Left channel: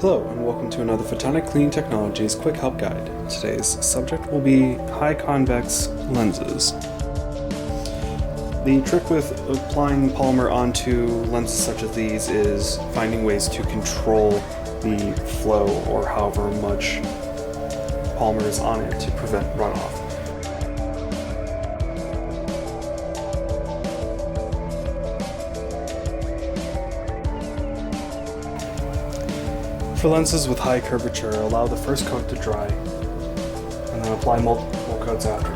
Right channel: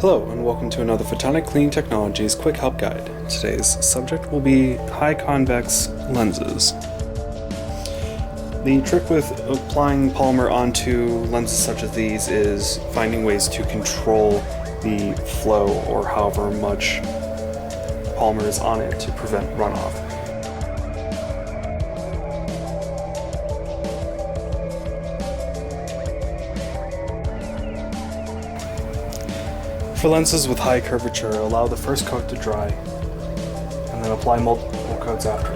Hello and welcome to another Photonic Cleaning Technologies Quick Help Guide. Today's subject will be high convex lenses. The trick with applying polymer onto lenses such as these is finding ways to control the flow or however much polymer is on it to prevent runoff. For lenses with high curvature, allow the first coat to dry and then apply multiple coats after.